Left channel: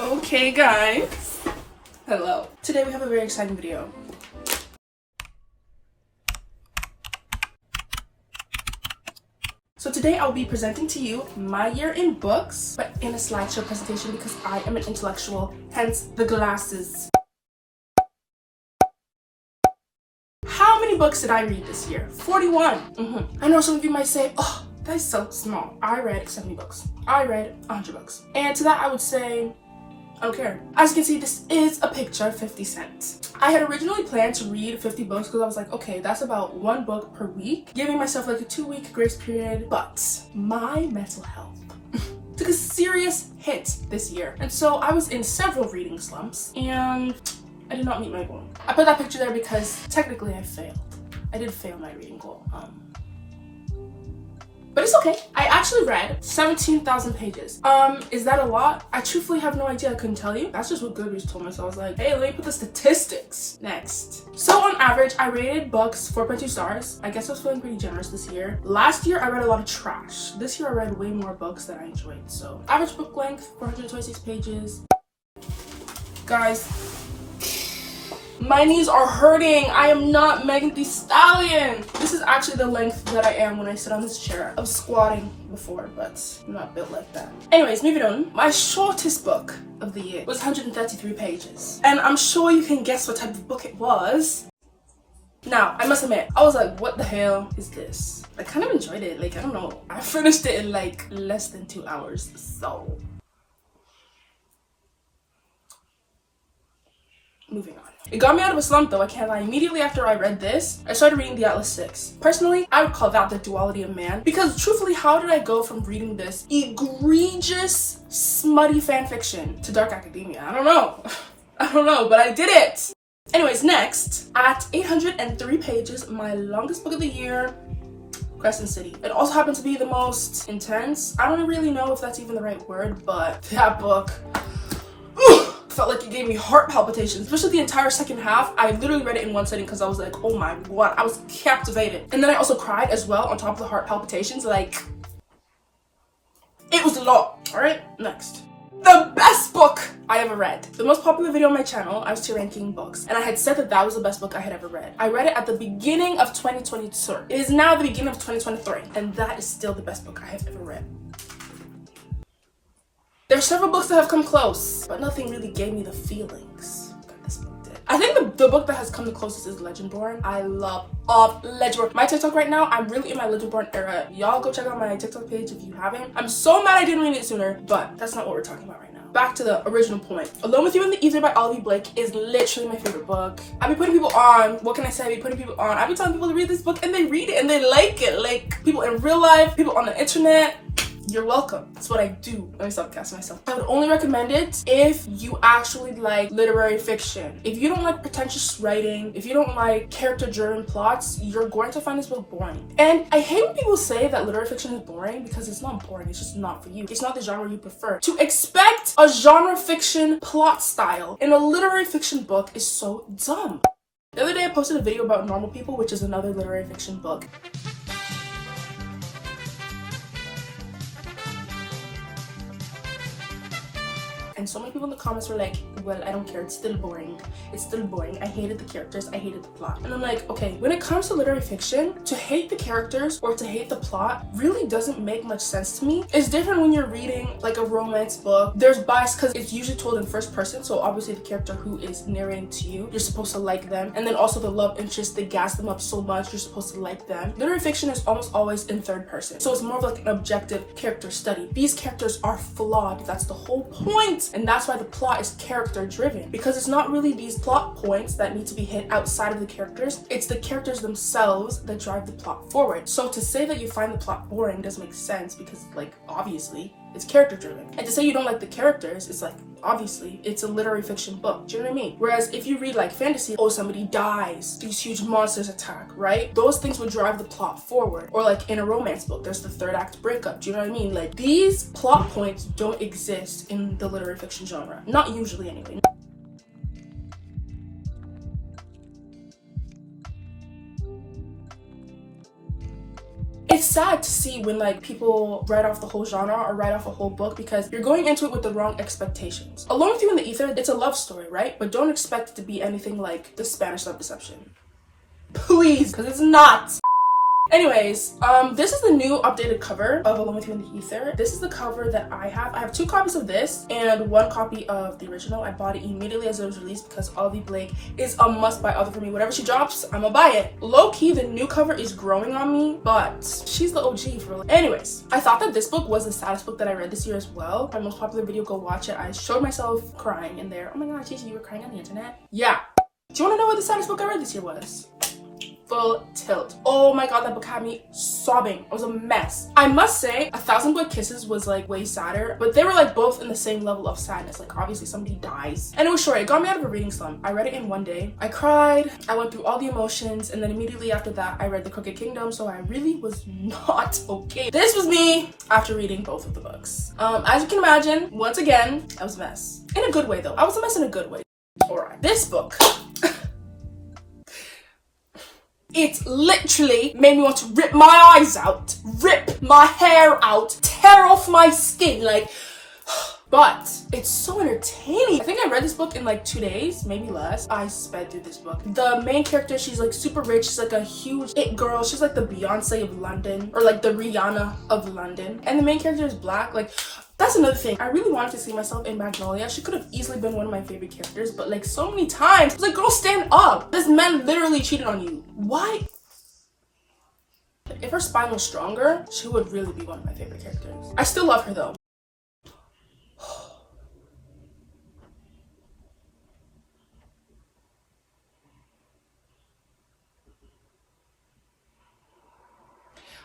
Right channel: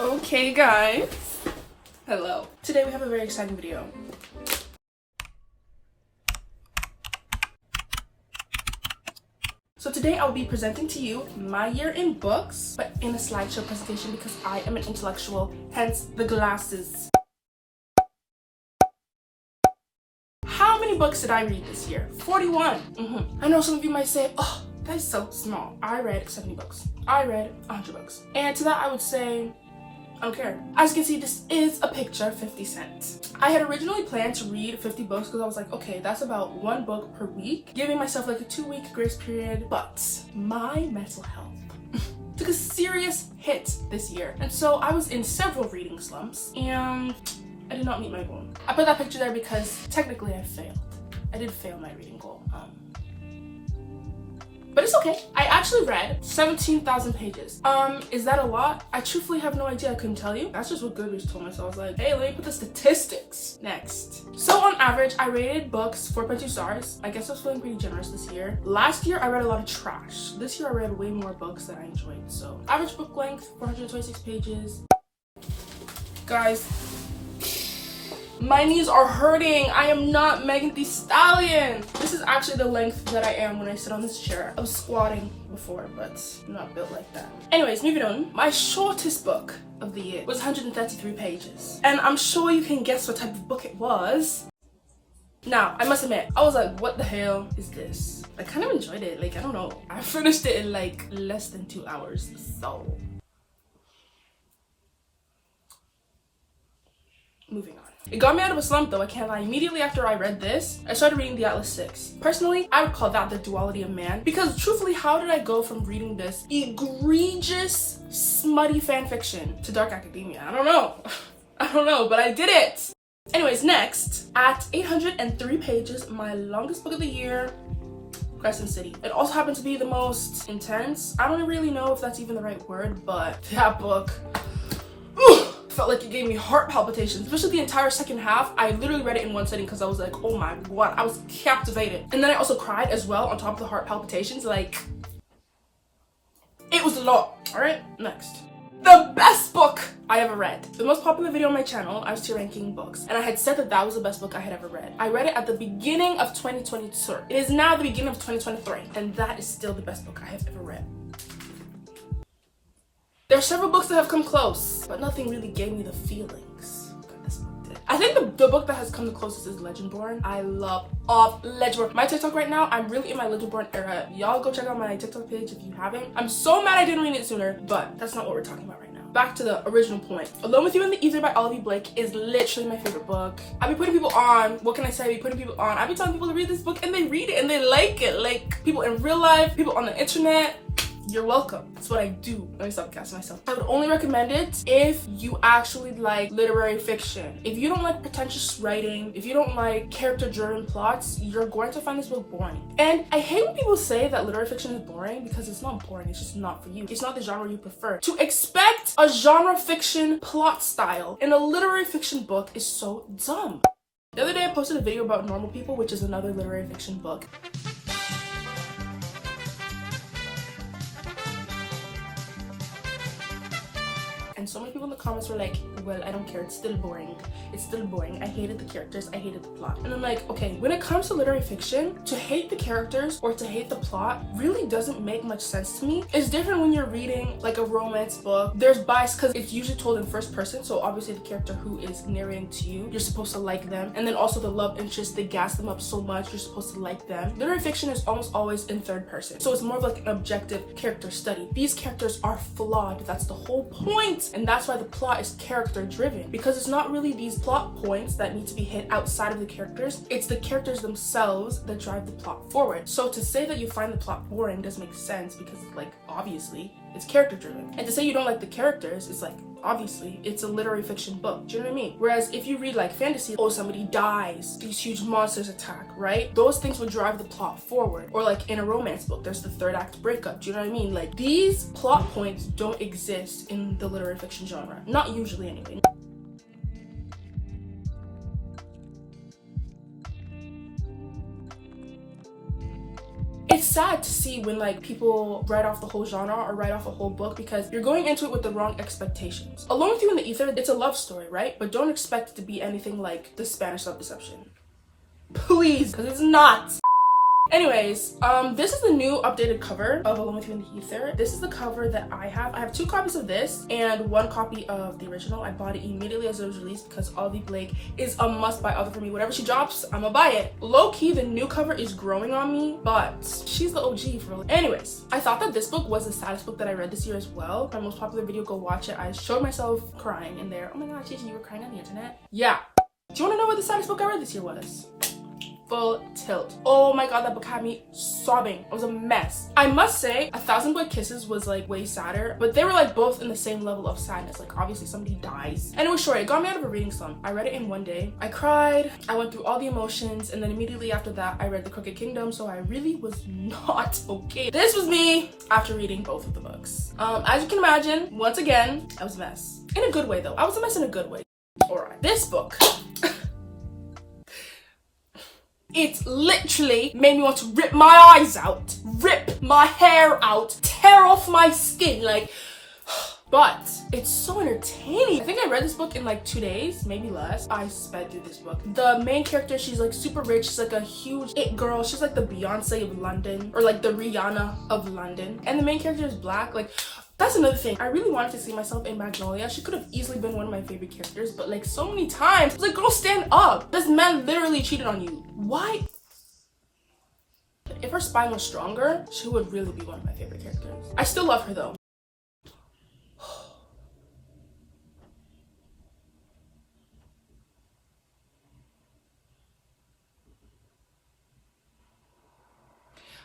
Okay guys, hello. Today we have a very exciting video. So today I'll be presenting to you my year in books, but in a slideshow presentation because I am an intellectual, hence the glasses. How many books did I read this year? 41. I know some of you might say, oh, that is so small. I read 70 books. I read 100 books. And to that I would say, I don't care. As you can see, this is a picture of 50 Cent. I had originally planned to read 50 books because I was like, okay, that's about 1 book per week, giving myself like a 2-week grace period. But my mental health took a serious hit this year. And so I was in several reading slumps and I did not meet my goal. I put that picture there because technically I failed. I did fail my reading goal. But it's okay. I actually read 17,000 pages. Is that a lot? I truthfully have no idea. I couldn't tell you. That's just what Goodreads told me. So I was like, hey, let me put the statistics next. So on average, I rated books 4.2 stars. I guess I was feeling pretty generous this year. Last year, I read a lot of trash. This year, I read way more books that I enjoyed. So average book length, 426 pages. Guys, my knees are hurting. I am not Megan Thee Stallion. This is actually the length that I am when I sit on this chair. I was squatting before, but I'm not built like that. Anyways, moving on. My shortest book of the year was 133 pages. And I'm sure you can guess what type of book it was. Now, I must admit, I was like, what the hell is this? I kind of enjoyed it. Like, I don't know. I finished it in like less than 2 hours, so. Moving on. It got me out of a slump though, I can't lie. Immediately after I read this, I started reading The Atlas 6. Personally, I would call that the duality of man, because truthfully, how did I go from reading this egregious, smutty fan fiction to dark academia? I don't know. I don't know, but I did it. Anyways, next, at 803 pages, my longest book of the year, Crescent City. It also happened to be the most intense. I don't really know if that's even the right word, but that book, felt like it gave me heart palpitations, especially the entire second half. I literally read it in one sitting because I was like, oh my god, I was captivated. And then I also cried as well on top of the heart palpitations. Like, it was a lot. All right, next. The best book I ever read. The most popular video on my channel, I was tier ranking books, and I had said that that was the best book I had ever read. I read it at the beginning of 2022. It is now the beginning of 2023, and that is still the best book I have ever read. There are several books that have come close, but nothing really gave me the feelings that this book did. I think the book that has come the closest is Legendborn. I love Legendborn. My TikTok right now, I'm really in my Legendborn era. Y'all go check out my TikTok page if you haven't. I'm so mad I didn't read it sooner, but that's not what we're talking about right now. Back to the original point. Alone with You in the Ether by Olivia Blake is literally my favorite book. I've been putting people on, what can I say? I've been putting people on. I've been telling people to read this book and they read it and they like it. Like people in real life, people on the internet. You're welcome. That's what I do. Let me stop gassing myself. I would only recommend it if you actually like literary fiction. If you don't like pretentious writing, if you don't like character-driven plots, you're going to find this book boring. And I hate when people say that literary fiction is boring because it's not boring. It's just not for you. It's not the genre you prefer. To expect a genre fiction plot style in a literary fiction book is so dumb. The other day I posted a video about Normal People, which is another literary fiction book. And so many people in the comments were like, well, I don't care, it's still boring. It's still boring. I hated the characters, I hated the plot. And I'm like, okay, when it comes to literary fiction, to hate the characters or to hate the plot really doesn't make much sense to me. It's different when you're reading like a romance book. There's bias because it's usually told in first person, so obviously the character who is narrating to you, you're supposed to like them. And then also the love interest, they gas them up so much, you're supposed to like them. Literary fiction is almost always in third person, so it's more of like an objective character study. These characters are flawed, that's the whole point. And that's why the plot is character driven, because it's not really these plot points that need to be hit outside of the characters. It's the characters themselves that drive the plot forward. So to say that you find the plot boring doesn't make sense because like obviously it's character driven. And to say you don't like the characters is like obviously it's a literary fiction book. Do you know what I mean? Whereas if you read like fantasy, oh, somebody dies, these huge monsters attack, right? Those things would drive the plot forward. Or like in a romance book, there's the third act breakup. Do you know what I mean? Like these plot points don't exist in the literary fiction genre. Not usually anyway. It's sad to see when like people write off the whole genre or write off a whole book because you're going into it with the wrong expectations. Alone with You in the Ether, it's a love story, right? But don't expect it to be anything like The Spanish Love Deception. Please, because it's not. Anyways, this is the new updated cover of Alone with You in the Ether. This is the cover that I have. I have 2 copies of this and 1 copy of the original. I bought it immediately as it was released because Olivia Blake is a must-buy author for me. Whatever she drops, I'ma buy it. Low-key, the new cover is growing on me, but she's the OG for real. Anyways, I thought that this book was the saddest book that I read this year as well. My most popular video, go watch it. I showed myself crying in there. Oh my god, Gigi, you were crying on the internet? Yeah. Do you want to know what the saddest book I read this year was? Full Tilt. Oh my god, that book had me sobbing. It was a mess. I must say, 1,000 Boy Kisses was like way sadder, but they were like both in the same level of sadness. Like obviously somebody dies. And it was short. It got me out of a reading slump. I read it in one day. I cried. I went through all the emotions, and then immediately after that, I read The Crooked Kingdom, so I really was not okay. This was me after reading both of the books. As you can imagine, once again, I was a mess. In a good way though. I was a mess in a good way. Alright, this book. It literally made me want to rip my eyes out, rip my hair out, tear off my skin, like, but it's so entertaining. I think I read this book in like 2 days, maybe less. I sped through this book. The main character, she's like super rich. She's like a huge it girl. She's like the Beyonce of London, or like the Rihanna of London. And the main character is black. Like, that's another thing. I really wanted to see myself in Magnolia. She could have easily been one of my favorite characters, but like so many times, I was like, girl, stand up. This man literally cheated on you. Why? If her spine was stronger, she would really be one of my favorite characters. I still love her though.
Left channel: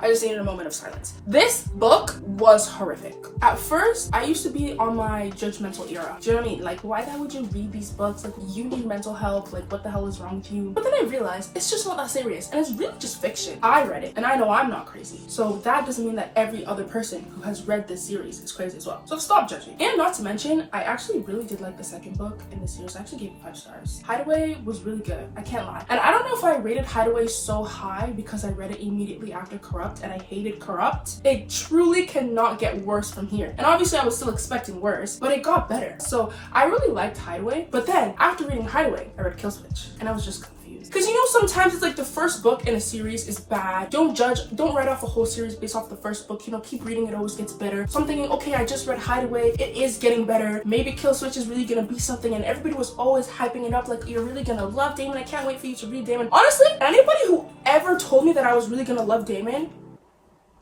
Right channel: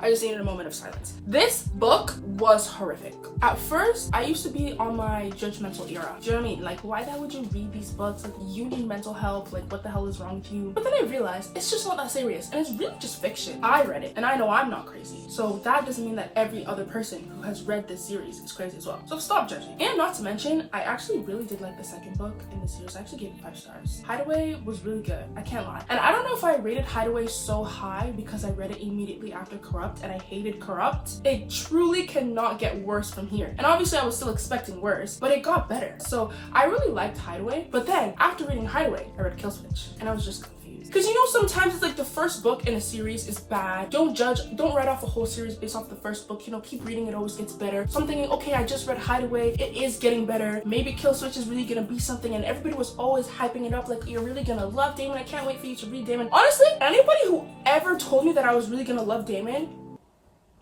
I just needed a moment of silence. This book was horrific. At first, I used to be on my judgmental era. Do you know what I mean? Like, why the hell would you read these books? Like, you need mental health. Like, what the hell is wrong with you? But then I realized it's just not that serious. And it's really just fiction. I read it, and I know I'm not crazy. So that doesn't mean that every other person who has read this series is crazy as well. So stop judging. And not to mention, I actually really did like the second book in the series. I actually gave it 5 stars. Hideaway was really good. I can't lie. And I don't know if I rated Hideaway so high because I read it immediately after Corrupt, and I hated Corrupt. It truly cannot get worse from here. And obviously I was still expecting worse, but it got better. So I really liked Hideaway. But then after reading Hideaway, I read Kill Switch, and I was just confused. Because you know, sometimes it's like the first book in a series is bad. Don't judge, don't write off a whole series based off the first book. You know, keep reading, it always gets better. So I'm thinking, okay, I just read Hideaway, it is getting better. Maybe Kill Switch is really gonna be something, and everybody was always hyping it up like, you're really gonna love Damon. I can't wait for you to read Damon. Honestly, anybody who ever told me that I was really gonna love Damon,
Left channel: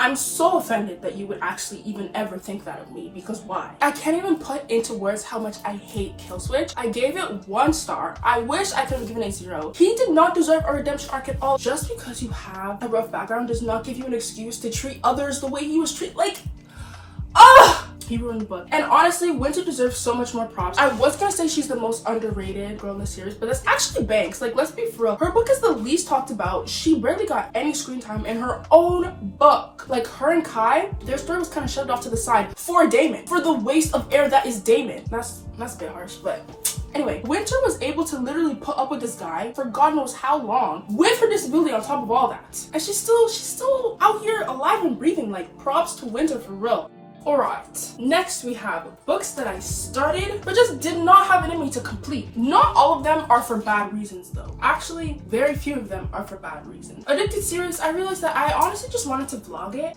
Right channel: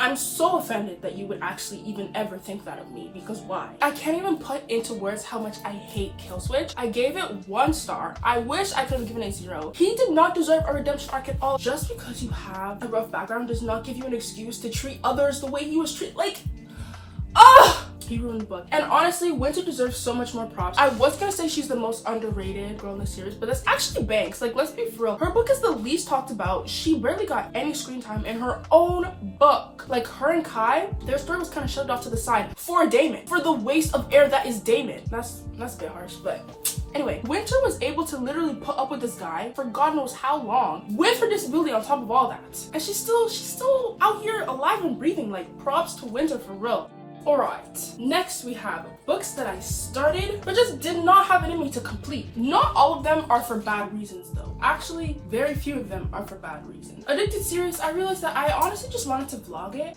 I'm so offended that you would actually even ever think that of me, because why? I can't even put into words how much I hate Kill Switch. I gave it 1 star. I wish I could have given it 0. He did not deserve a redemption arc at all. Just because you have a rough background does not give you an excuse to treat others the way he was treated. Like, he ruined the book. And honestly, Winter deserves so much more props. I was gonna say she's the most underrated girl in the series, but that's actually Banks. Like, let's be for real. Her book is the least talked about. She barely got any screen time in her own book. Like, her and Kai, their story was kind of shoved off to the side for Damon, for the waste of air that is Damon. That's a bit harsh, but anyway, Winter was able to literally put up with this guy for God knows how long with her disability on top of all that. And she's still out here alive and breathing. Like, props to Winter for real. Alright, next we have books that I started but just did not have it in me to complete. Not all of them are for bad reasons though. Actually, very few of them are for bad reasons. Addicted series, I realized that I honestly just wanted to vlog it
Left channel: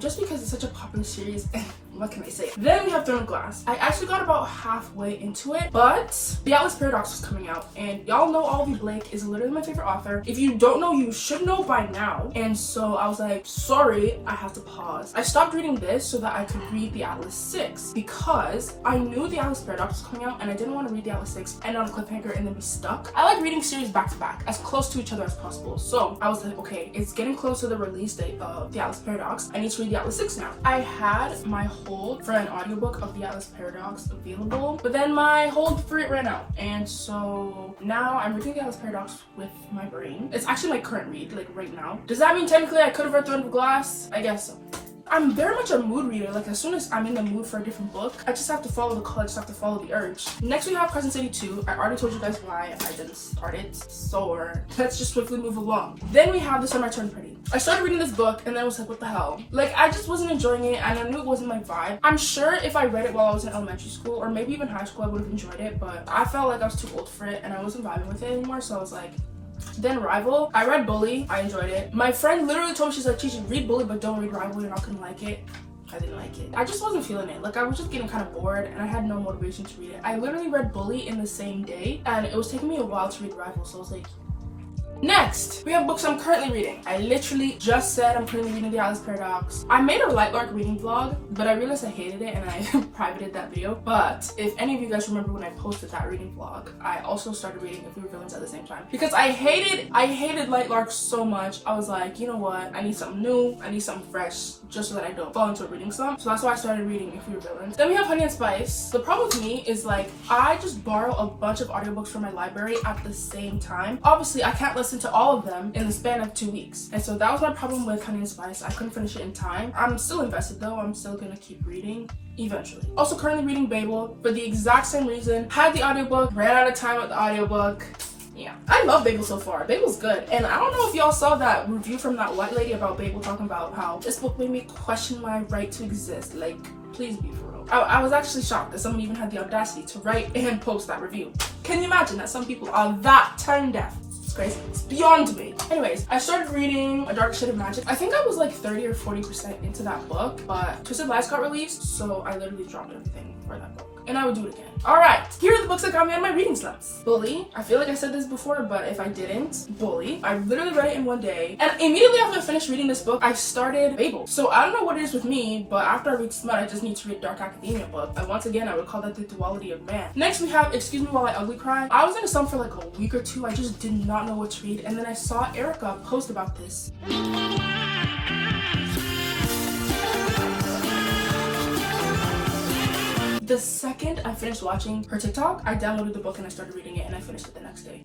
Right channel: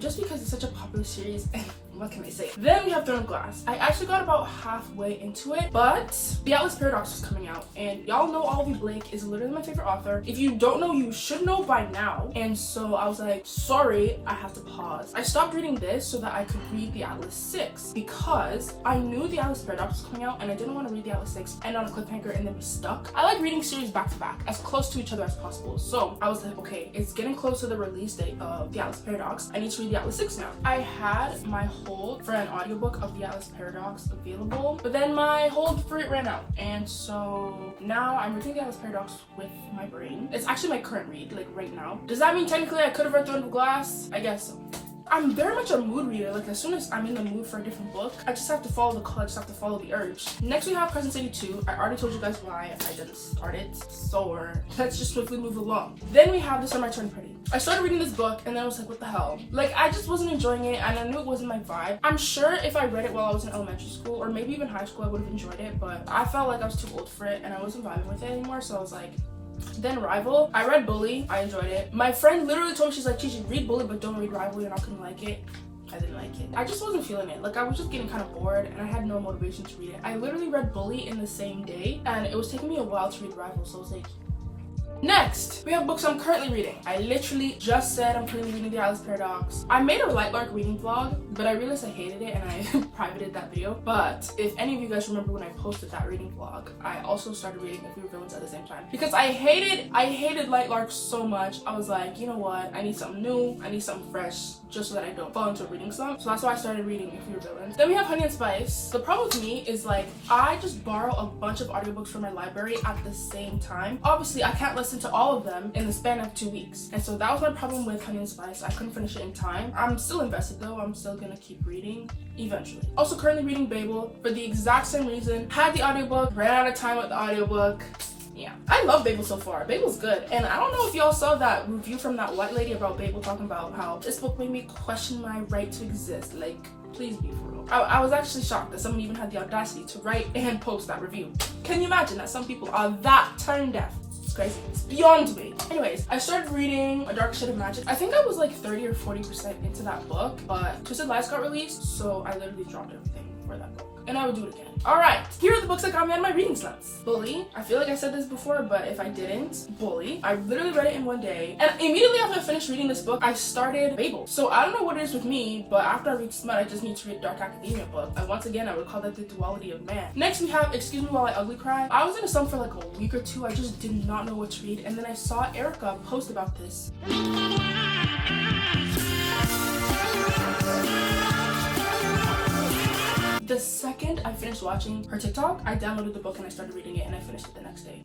just because it's such a popular series and what can I say? Then we have Throne of Glass. I actually got about halfway into it, but The Atlas Paradox was coming out, and y'all know Olivia Blake is literally my favorite author. If you don't know, you should know by now. And so I was like, sorry, I have to pause. I stopped reading this so that I could read The Atlas 6 because I knew The Atlas Paradox was coming out and I didn't want to read The Atlas 6 and on a cliffhanger and then be stuck. I like reading series back to back, as close to each other as possible. So I was like, okay, it's getting close to the release date of The Atlas Paradox. I need to read The Atlas 6 now. I had my hold for an audiobook of The Atlas Paradox available, but then my hold for it ran out, and so now I'm reading The Atlas Paradox with my brain. It's actually my current read, like right now. Does that mean technically I could have read Throne of Glass? I guess so. I'm very much a mood reader. Like, as soon as I'm in the mood for a different book, I just have to follow the call, I just have to follow the urge. Next we have Crescent City 2. I already told you guys why I didn't start it, so let's just swiftly move along. Then we have The Summer I Turned Pretty. I started reading this book and then I was like, what the hell? Like, I just wasn't enjoying it and I knew it wasn't my vibe. I'm sure if I read it while I was in elementary school or maybe even high school, I would have enjoyed it, but I felt like I was too old for it and I wasn't vibing with it anymore, so I was like, then Rival. I read Bully. I enjoyed it. My friend literally told me, she's like, Chichi, read Bully, but don't read Rival. You're not gonna like it. I didn't like it. I just wasn't feeling it. Like, I was just getting kind of bored and I had no motivation to read it. I literally read Bully in the same day and it was taking me a while to read Rival, so I was like, next, we have books I'm currently reading. I literally just said I'm currently reading The Alice Paradox. I made a Light Lark reading vlog, but I realized I hated it and I privated that video. But if any of you guys remember when I posted that reading vlog, I also started reading If We Were Villains at the same time. Because I hated Light Lark so much. I was like, you know what? I need something new. I need something fresh, just so that I don't fall into a reading slump. So that's why I started reading If We Were Villains. Then we have Honey and Spice. The problem with me is, like, I just borrow a bunch of audiobooks from my library at the same time. Obviously, I can't listen to all of them in the span of 2 weeks. And so that was my problem with Honey and Spice. I couldn't finish it in time. I'm still invested though. I'm still gonna keep reading eventually. Also currently reading Babel for the exact same reason. Had the audiobook, ran out of time with the audiobook. Yeah, I love Babel so far. Babel's good. And I don't know if y'all saw that review from that white lady about Babel talking about how this book made me question my right to exist. Like, please be for real. I was actually shocked that someone even had the audacity to write and post that review. Can you imagine that some people are that tone deaf? It's crazy. It's beyond me. Anyways, I started reading A Dark Shade of Magic. I think I was like 30 or 40% into that book, but Twisted Lies got released, so I literally dropped everything for that book. And I would do it again. Alright, here are the books that got me out of my reading slumps. Bully. I feel like I said this before, but if I didn't, Bully. I literally read it in one day. And immediately after I finished reading this book, I started Babel. So I don't know what it is with me, but after I read Smut, I just need to read Dark Academia book. And once again, I would call that the duality of man. Next, we have Excuse Me While I Ugly Cry. I was in a slump for like a week or two. I just did not know what to read. And then I saw Erica post about this. The second I finished watching her TikTok, I downloaded the book and I started reading it and I finished it the next day.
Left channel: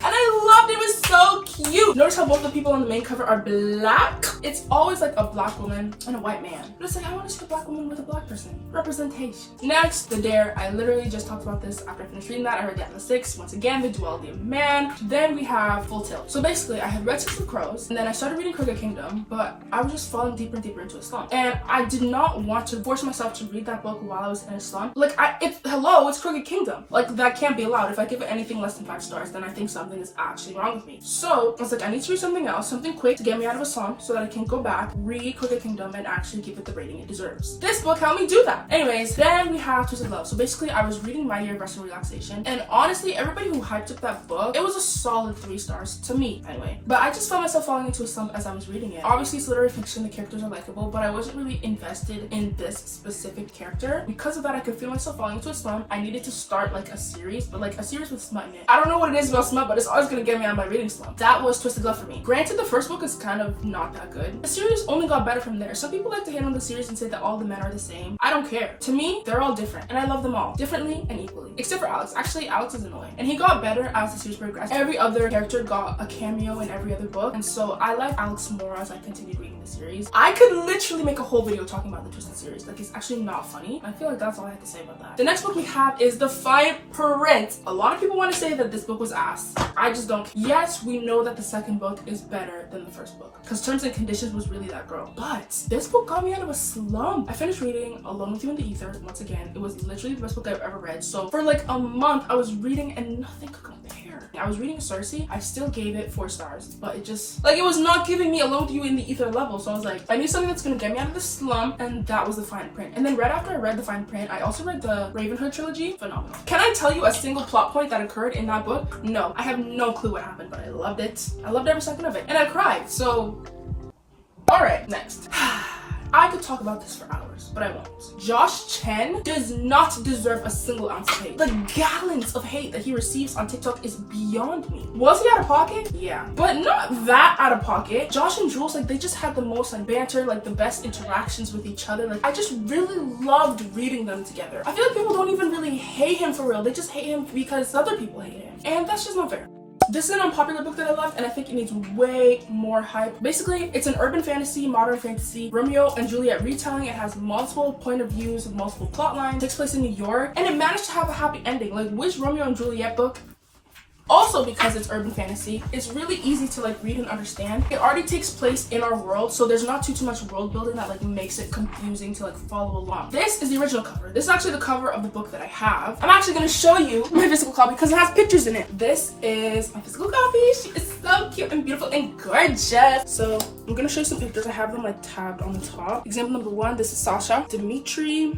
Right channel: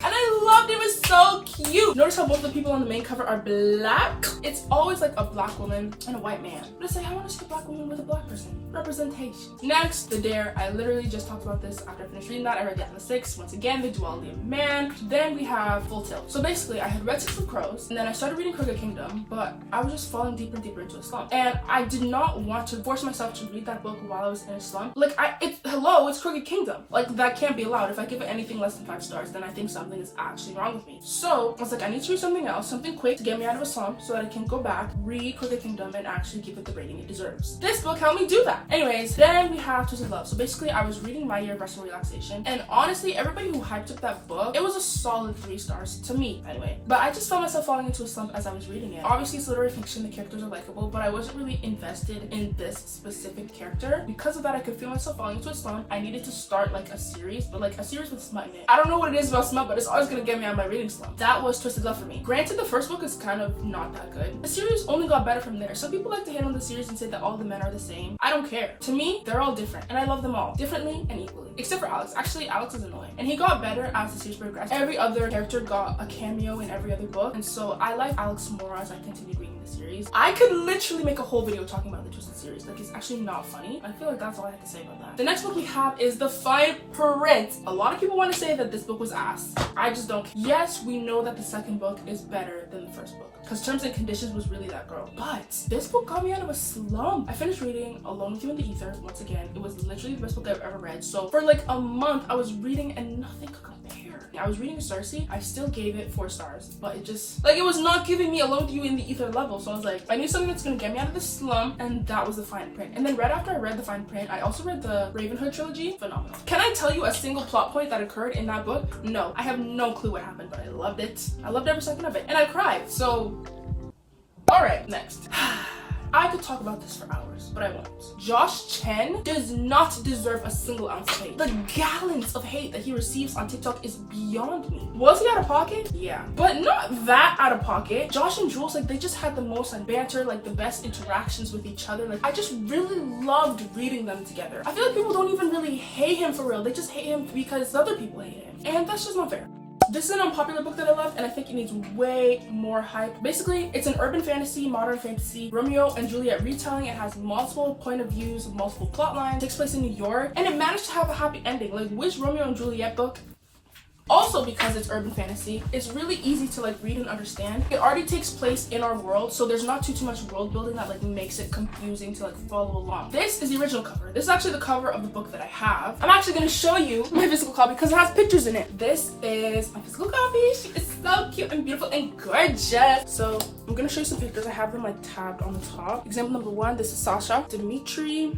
And I loved it. It was so cute. Notice how both the people on the main cover are black? It's always like a black woman and a white man. But it's like, I want to see a black woman with a black person. Representation. Next, The Dare. I literally just talked about this after I finished reading that. I read that in the 6. Once again, the duality of man. Then we have Full Tilt. So basically, I had read Six of Crows and then I started reading Crooked Kingdom, but I was just falling deeper and deeper into a slump. And I did not want to force myself to read that book while I was in a slump. Like, it's Crooked Kingdom. Like, that can't be allowed. If I give it anything less than 5 stars, then I think something is actually wrong with me. So I was like, I need to read something else, something quick to get me out of a slump so that I can go back, read Crooked Kingdom, and actually give it the rating it deserves. This book helped me do that. Anyways, then we have Twisted Love. So basically, I was reading My Year of Restful Relaxation, and honestly, everybody who hyped up that book, it was a solid 3 stars to me, anyway. But I just found myself falling into a slump as I was reading it. Obviously, it's literary fiction, the characters are likable, but I wasn't really invested in this specific character. Because of that, I could feel myself falling into a slump. I needed to start like a series, but like a series with smut in it. I don't know what it is about smut, but it's always gonna get me out of my reading slump. That was Twisted Love for me. Granted, the first book is kind of not that good. The series only got better from there. Some people like to hate on the series and say that all the men are the same. I don't care. To me, they're all different, and I love them all differently and equally. Except for Alex. Actually, Alex is annoying, and he got better as the series progressed. Every other character got a cameo in every other book, and so I like Alex more as I continued reading the series. I could literally make a whole video talking about the Twisted series. Like, it's actually not funny. I feel like that's all I have to say about that. The next book we have is The Fine Print. A lot of people want to say that this book was ass. I just don't. Yes, we know that the second book is better than the first book, because Terms and Conditions was really that girl. But this book got me out of a slump. I finished reading Alone with You in the Ether. Once again, it was literally the best book I've ever read. So for like a month, I was reading and nothing could compare. I was reading Cersei. I still gave it 4 stars, but it just, like, it was not giving me Alone with You in the Ether level. So I was like, I need something that's gonna get me out of the slump, and that was The Fine Print. And then right after I read The Fine Print, I also read the Ravenhood trilogy. Phenomenal. Can I tell you a single plot point that occurred in that book? No, I have no clue what happened, but I loved it. I loved every second of it, and I cried. So, all right, next. I could talk about this for hours, but I won't. Josh Chen does not deserve a single ounce of hate. The gallons of hate that he receives on TikTok is beyond me. Was he out of pocket? Yeah, but not that out of pocket. Josh and Jules, like, they just had the most banter, like the best interactions with each other. Like, I just really loved reading them together. I feel like people don't even really hate him for real. They just hate him because other people hate him, and that's just not fair. This is an unpopular book that I love, and I think it needs way more hype. Basically, it's an urban fantasy, modern fantasy, Romeo and Juliet retelling. It has multiple point of views, multiple plot lines, takes place in New York, and it managed to have a happy ending. Like, which Romeo and Juliet book Also, because it's urban fantasy, it's really easy to like read and understand. It already takes place in our world, so there's not too much world building that like makes it confusing to like follow along. This is the original cover. This is actually the cover of the book that I have. I'm actually gonna show you my physical copy because it has pictures in it. This is my physical copy. She is so cute and beautiful and gorgeous. So I'm gonna show you some pictures. I have them like tabbed on the top. Example number 1, this is Sasha, Dimitri.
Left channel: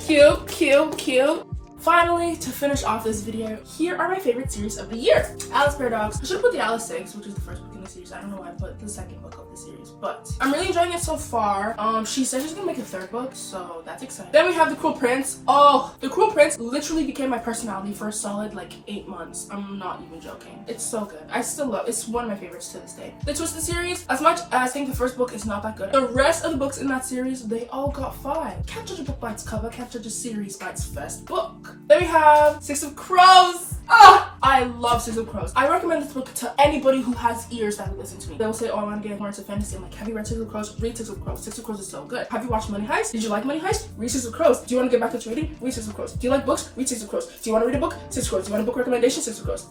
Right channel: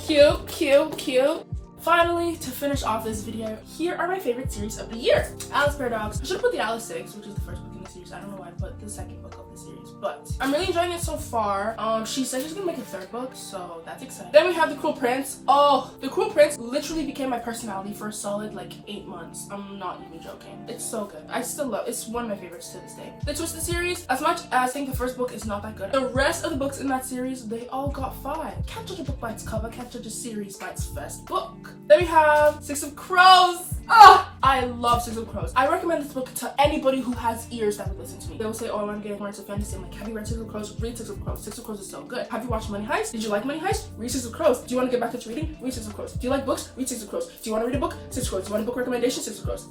Cute, cute, cute. Finally, to finish off this video, here are my favorite series of the year. Alice Paradox. I should have put the Alice 6, which is the first book in the series. I don't know why I put the second book of the series, but I'm really enjoying it so far. She said she's gonna make a 3rd book, so that's exciting. Then we have The Cruel Prince. Oh, The Cruel Prince literally became my personality for a solid like 8 months. I'm not even joking. It's so good. I still love it. It's one of my favorites to this day. The Twisted series, as much as I think the 1st book is not that good, the rest of the books in that series, they all got 5. Can't judge a book by its cover, can't judge a series by its first book. Then we have Six of Crows. I love Six of Crows. I recommend this book to anybody who has ears that will listen to me. They will say, oh, I want to get more into fantasy. I'm like, have you read Six of Crows? Read Six of Crows. Six of Crows is so good. Have you watched Money Heist? Did you like Money Heist? Read Six of Crows. Do you want to get back into reading? Read Six of Crows. Do you like books? Read Six of Crows. Do you want to read a book? Six of Crows. Do you want a book recommendation? Six of Crows.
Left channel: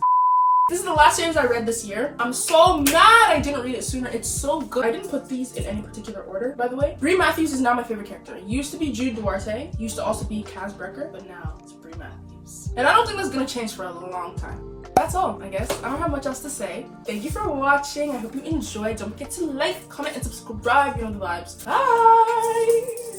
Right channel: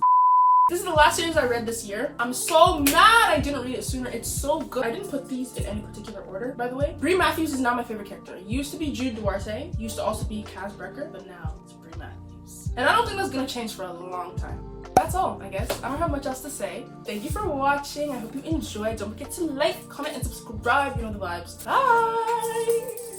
This is the last series I read this year. I'm so mad I didn't read it sooner. It's so good. I didn't put these in any particular order, by the way. Brie Matthews is now my favorite character. Used to be Jude Duarte. Used to also be Kaz Brekker, but now it's Brie Matthews. And I don't think that's gonna change for a long time. That's all, I guess. I don't have much else to say. Thank you for watching. I hope you enjoyed. Don't forget to like, comment, and subscribe. You know the vibes. Bye!